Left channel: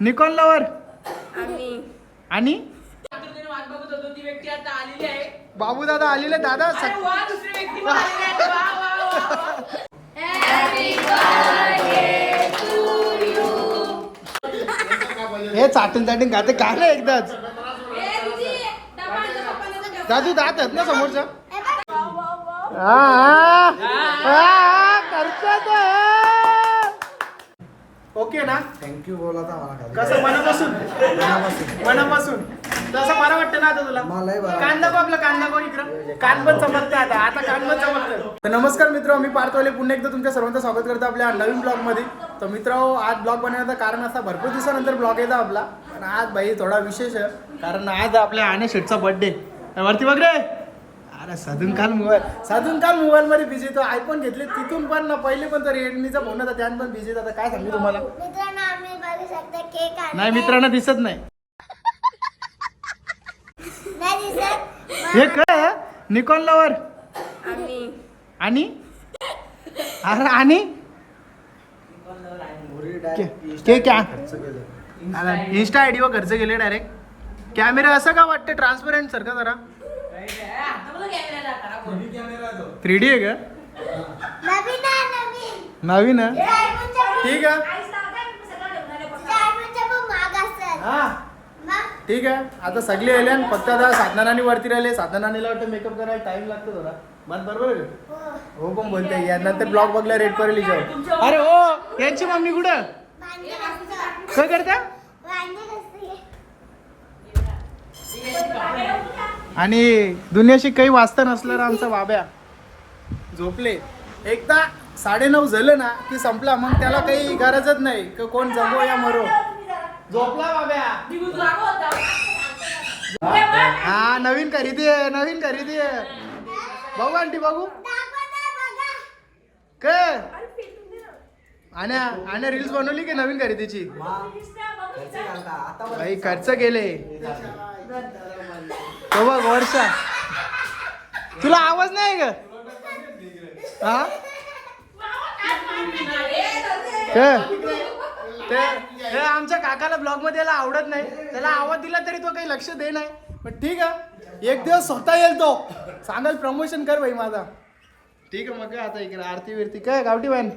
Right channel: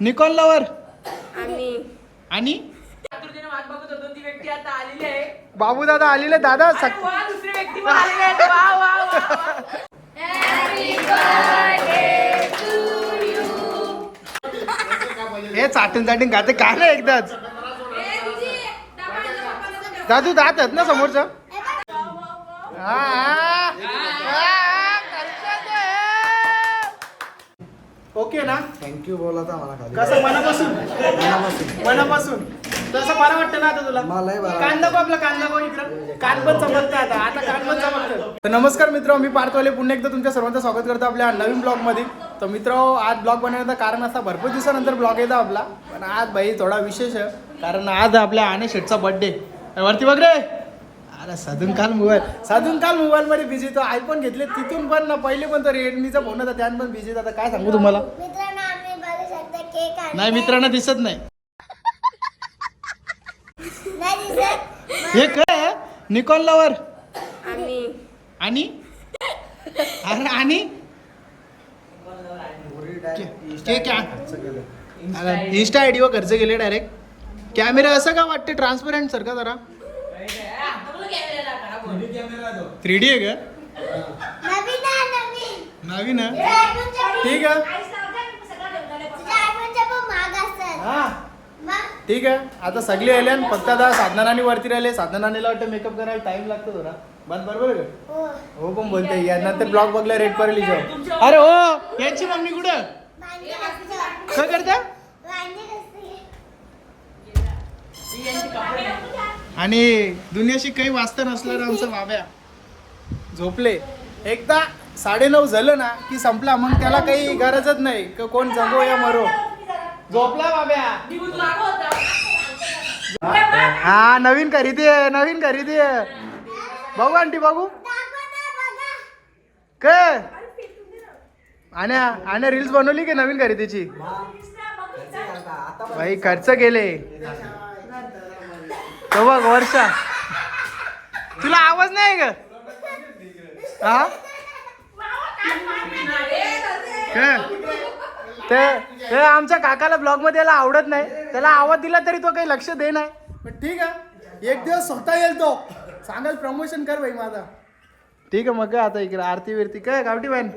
Nikon lover आणि बाबू दादा आलेले दादा हे चाटून चाटून खाते काय ना एकदाच दादू दात आहेत ना समोरचं ओके ना थँक्यू बोला मला कसं मनापासून मनापासून तसं बरं वाटतं ना आता तुला कान दाखव आपला कान दाखव इकडं कान पण चमकतं आता कान पण चमकतं. तर नमस्कार मित्र मी पार्थवाले पुन्हा एकदा तुमच्या सर्वांचं स्वागत करतो आपल्या नवीन ब्लॉग मध्ये. तर मित्र आज ब्लॉग बनवण्याचं कारण असा भरपूर दिवसानंतर ब्लॉग येतो आपला पण आज भाई थोडा विशेष आहे कारण आज आपल्या आने शेठचा बर्थडे वरती बघ रे. अरे साधून काल मोबाईल मध्ये बिझी तो आयफोन घेतले तिथून पण ना पहिले पण तो रेडमीचा फोन होता त्यात पण बिझी आता काय सांगू तुम्हाला नाही मित्रांना दिसत नाही हे काय निकॉन लवर आणि अरे आणि इंस्टा आयडी वर खर्च केले डायरेक्ट. कॅमेरा असं का वाटते ट्रान्सपरंट सारखा जरा 3D आहे का नवीन आहे ठीक आहे हा ठीक आहे. आता सगळे आले फक्त आता साधनानी वरती राहिले साधनानीला वाटतं मेकअप करायला टाइम लागतो थोडा बंद बरोबर का हो पण बोलते या नंतर ब्लॉग बघला रेड करेल हिच्यावर. अरे हो यांची मम्मी कुठं काय करता आणि दुनियाशी काही वाचता नसलं आमचा बाब्या झोपले एकदा 9:30 झालं ना की संपला मग त्याला काही गरजच नाही की कोण जगो या मरो झोपला बाब्या. हा नवीन खरेदी आहे बघू आंटी बघू काय आणि रील्स बनवली की नवीन खरेदीची भाई खर्च केले तो बघ वर्षा तुला आवाज नाही का हा ते आमच्या काकाला ब्लॉग मध्ये याला आवडत नाही त्याला आवाज दिला तरी तो काही लक्ष दे नाही पण ठीक आहे एक दिवस स्वतः येईल तो सांगाल प्रमोशन कर भाई माझा ठीक आहे मग आता इकडे आरती विरती काय गावठी बॅन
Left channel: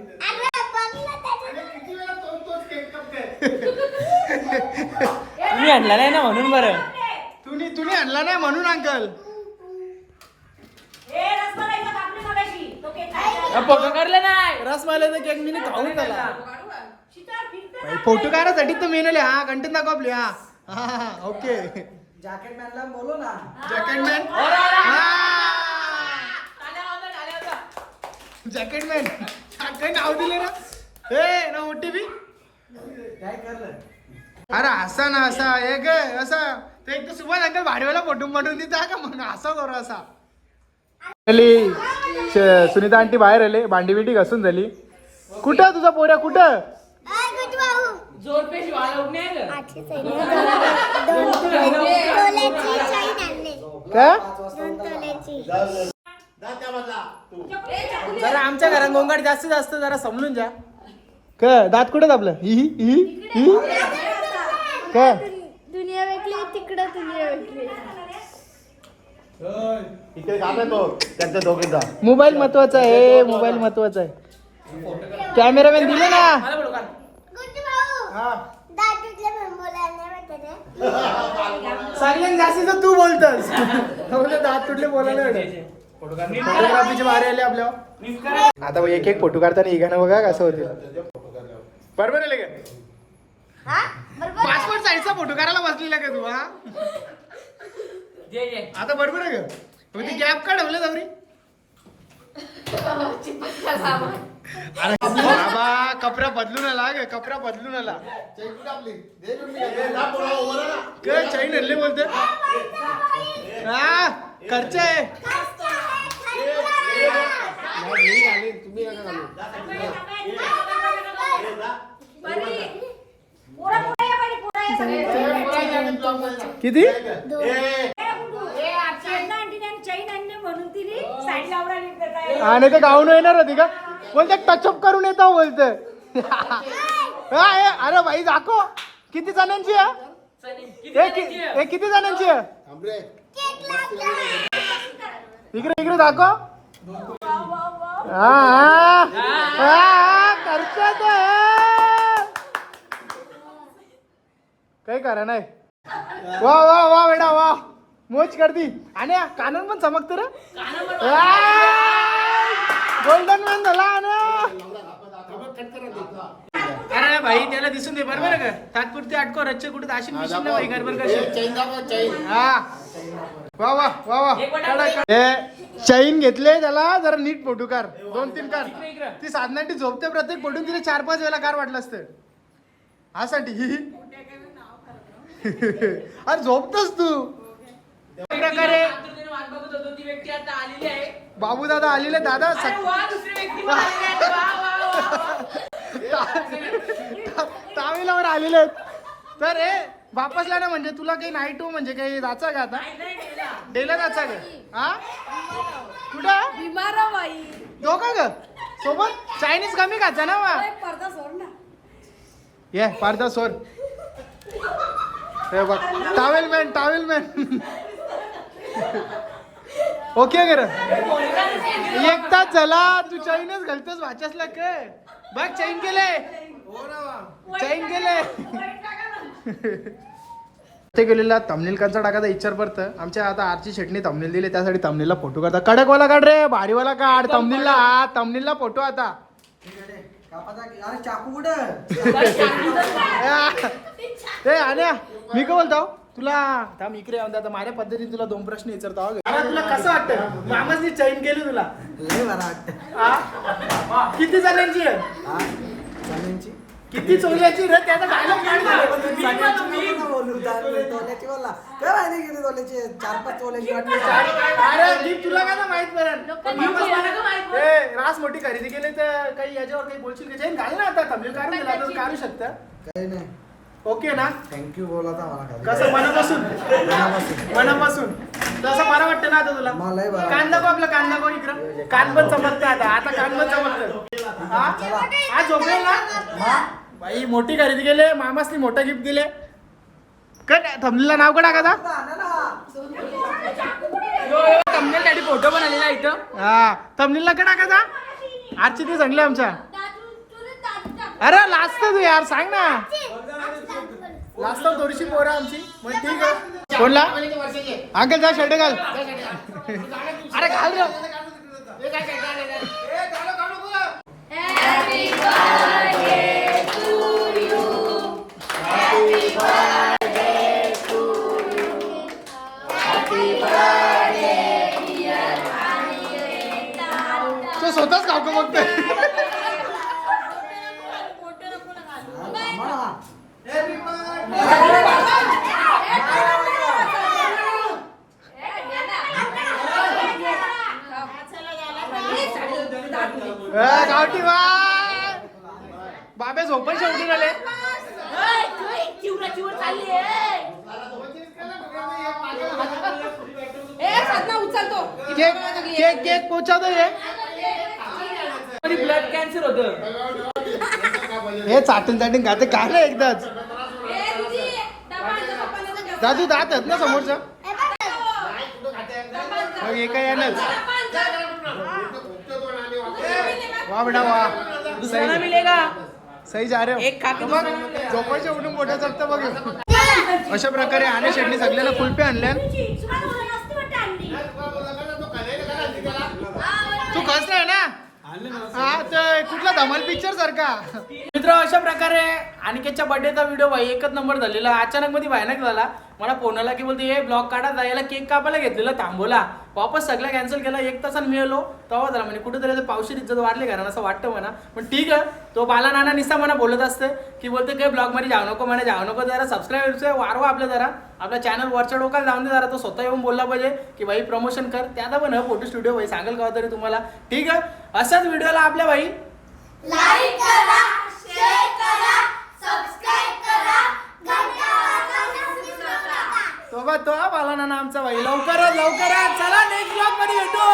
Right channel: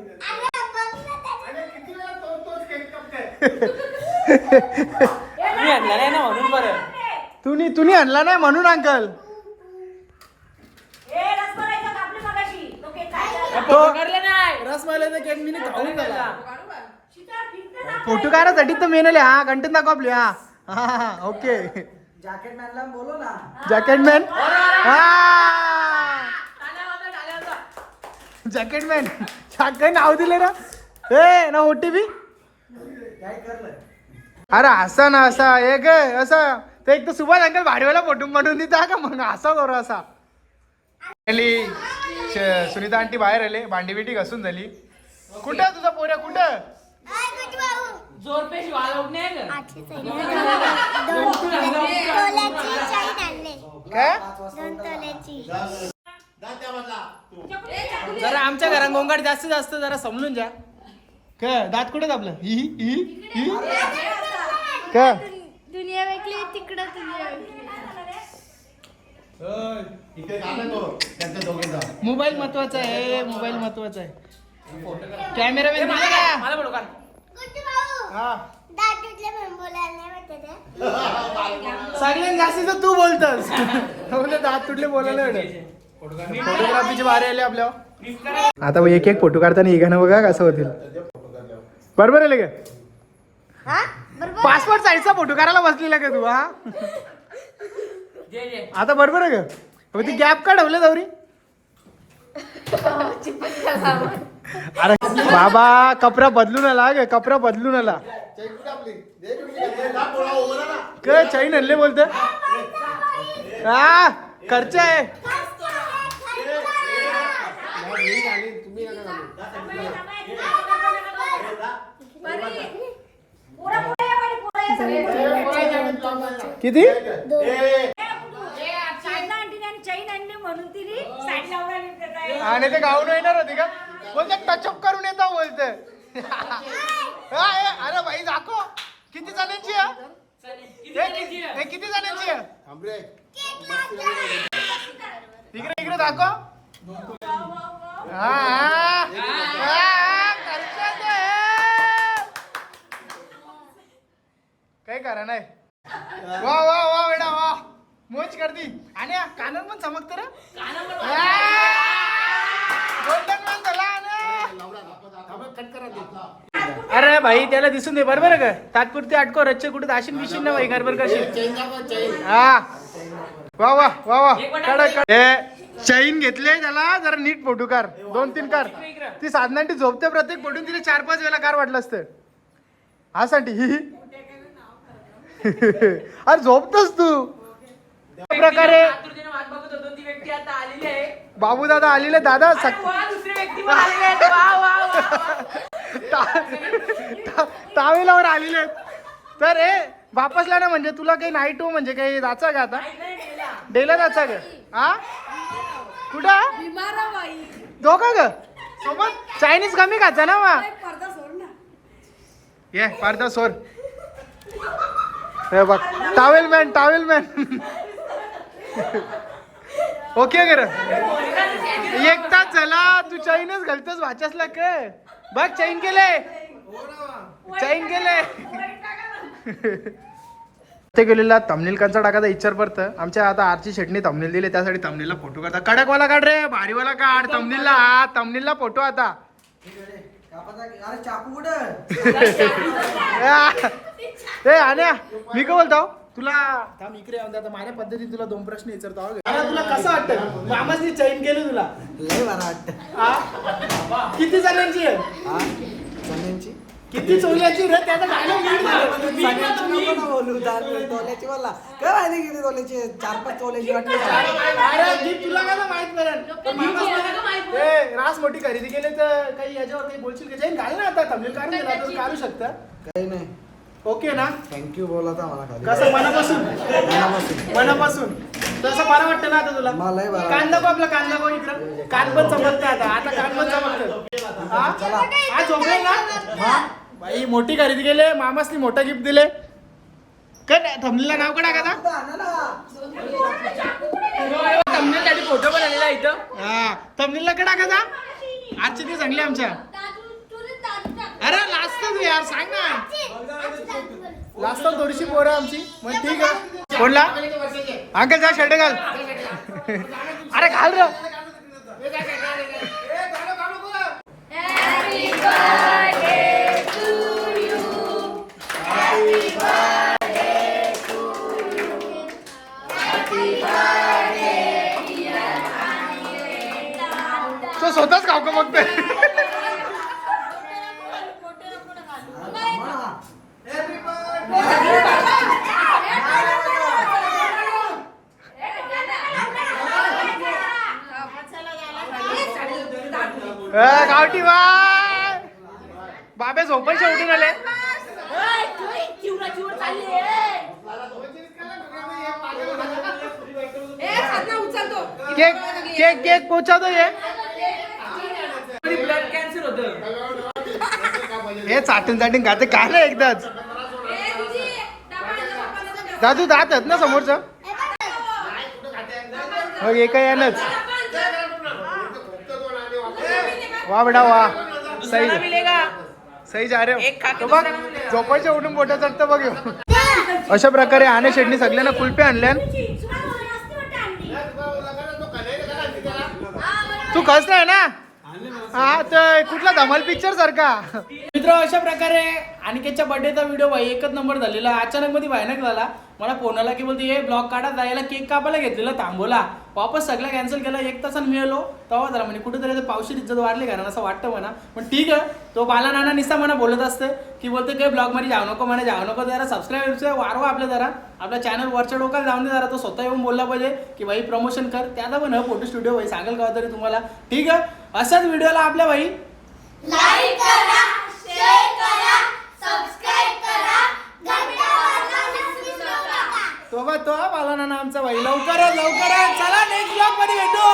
तुम्ही आणला नाही म्हणून अंकल रसमलाईचा केक मी खाऊन झाला फोटो काढायसाठी तर मेनले हा कंटेंट दाखव आपली हा ओके जॅकेट मॅनला बोलो ना जॅकेट मॅन जॅकेट मॅन काय नाव दिले ना हे ना OTP अरे असा ना असा एक असा ते एक तर सुभाष अंकल भाडीवाला फोटो बनवून देता का मग असा करू असा सुनीता आंटी बाहेर आले भांडी बिंडी घासून झाली. कुठं तुझा पोऱ्या कुठं जरा आमच्या घरात गोंगाट जास्त जरा समजून जा काय दात कुठं आपलं काय दुनिया वेगळी तिकडं दुनिया वेगळी मोबाईल महत्वाचा आहे मोबाईल महत्वाचा आहे कॅमेरामॅन दिले ना सगळ्यात जास्ती तर तू बोलतस दात तुटले बोलायला फोटोग्राफीचे बारे आले आपल्यावर आता एक एक फोटो काढताना हिगाना बघा कसं होतं बरोबर आहे का पासपोर्ट साईजचा फोटो काढायला बसलेला का तू हा आता बरोबर आहे का ती गॅप का ठेवलं जावरी अरे बाबा कपडा बदलून आला ग कपडा बदलून आला काय चैन हल्ले बोलत हा खर्च आहे किती आणि ते गाऊन येणार होती का बोलते टचअप करून येतो बोलते अरे भाई दाखव किती जणांची आहे हे किती जणांची आहे इकडे इकडे दाखव काही करा नाही वा वा वा बेटा वा मोज करती आणि कानून पण चमकते रे गोल्डन मॅन झाला अरे भाई त्याला दिसून दे बरोबर का तात्पुरती अटको रच्चे कुठे दाशीन मिशीन ना भाई गडबड करशील हा वा वा वा वा चैन घेतले त्याला जरा नीट फोटो कार 2-3 कार ती साधनांची झोपते प्रत्येक फोटून तिने 4-5 वेळा कार वाटलं असतं हा साठी अरे झोपतोस तू प्रकारे बाबू दादा आलेले दादा तावेलावर आलेले तर वापसला ना म्हणजे तुला काही नाईट हो म्हणजे काही जायचं का आता डेला जायचं का हा कुठं दोघा ग सोबत चायनीज कमी खायचा ना वा ये पडदा सोड हे बघ टावेल मॅन ओके कर 1 तास झाला तू चैनच घालतोस वाचसला काय बघ चैन केले ते गेलेला थंबनेल कंचा टाकायचा विचार पडत आमच्या आता आरची शेटणी थंबनेल दिले त्यासाठी थंबनेलला फोटो काढता कडकवाला काढ रे भारीवाला काढ थंबनेलला फोटो आता अरे चाकू कुठं आण्या मी काय बोलतो तुला थांब इकडे आता माझ्या पद्धतीने तुला 2 प्रश्न विचारतो तुला कसं वाटतं मामाची चैन केली तुला लय बरं वाटतं किती जणांची आहे जणांची किती चोल्याची रे त्याचा डायलॉग बोलू तोल्याची बोलला काय माहिती किती तोल्याची 4-5 तोल्याची वाटली अरे जी तुला काय माहित पडेल रास मोठी खरेदी केली तर काही याच्यावर काही बोलशील का चैन घाल ना आता थंबनेल काढून दिला तर काढू शकता काही नाही ओके ना थँक्यू बोला मला खाली कसं मनापासून तसं बरं वाटतं ना आता तुला मलाही बरं कांदा को आपला कांदा को इकडं कान पण चमकतं आता कान पण चमकतं हा झोपेल ना बाई मोठी खरेदी केले मामासनी मोठं गिफ्ट दिले काय थंबनेलला नाव का टाकायचा फोटो पण आलेला इथं हा थंबनेलला का टाकायचा आजची ती चांगली आमच्या अरे लास्ट तू यार सांग ना लास्ट थोडीशी पोरं आमची मग ठीक आहे कोणला अंकल जा शर्ट घाल अरे घाल रे तो स्वतःच खाऊ का बघतोय गावठी बाय बाबे झोपायचे उठून आले केक केक केक पोचवतो ब्लड कॅन्सर होतं हे चाटून खाते काय ना एकदाच दादू दात आहेत ना समोरचं मग एका यानच वा बेटा वा सही जा रे हो बघ झोपायच्या उठून मोठ्या चढतं बघ अशा प्रकारे आणे शेटणी सगळ्यांना कुल्फी आणल्या तू खस नाही ना हा तर कुठला धमाल पिक्चर सारखा मित्र अशा प्रकारे अनिकेतच्या बर्थडेचा व्हिडिओ भाई एकच नंबर झालेला अचानक मध्ये भयानक झाला मला फोन आला की बोलते हे ब्लॉग काढा जायला केक कापायला घेतलेला थांबवला वापस सगळं कॅन्सल केला 1 तासानं मिळालो तेव्हा झाला म्हणजे कुठेतरी पावशी इज्जत वाढली घरानं असं वाटतं म्हणा पण ठीक आहे तो बाला नाना निस्ता म्हणा बोलत असतं की बोलते काही ब्लॉग मध्ये जाऊ नको जरा सबस्क्राईबर्स वाढवा आपल्या जरा आपल्या चॅनल वरच्या डोकाला जाऊन दे जरा तो स्वतः येऊन बोलला पाहिजे की भाई प्रमोशन कर त्याचा पण फोटो स्टुडिओ भाई सांगेल का तरी तुम्हाला ठीक आहे अशाच व्हिडिओला आपल्या भाई लाईक करा शेअर करा सबस्क्राइब करा घंटा वाजवायला विसरू नका तो बाला नाना आमचा भाई लवकरच चला नेक्स्ट ब्लॉग मध्ये भेटू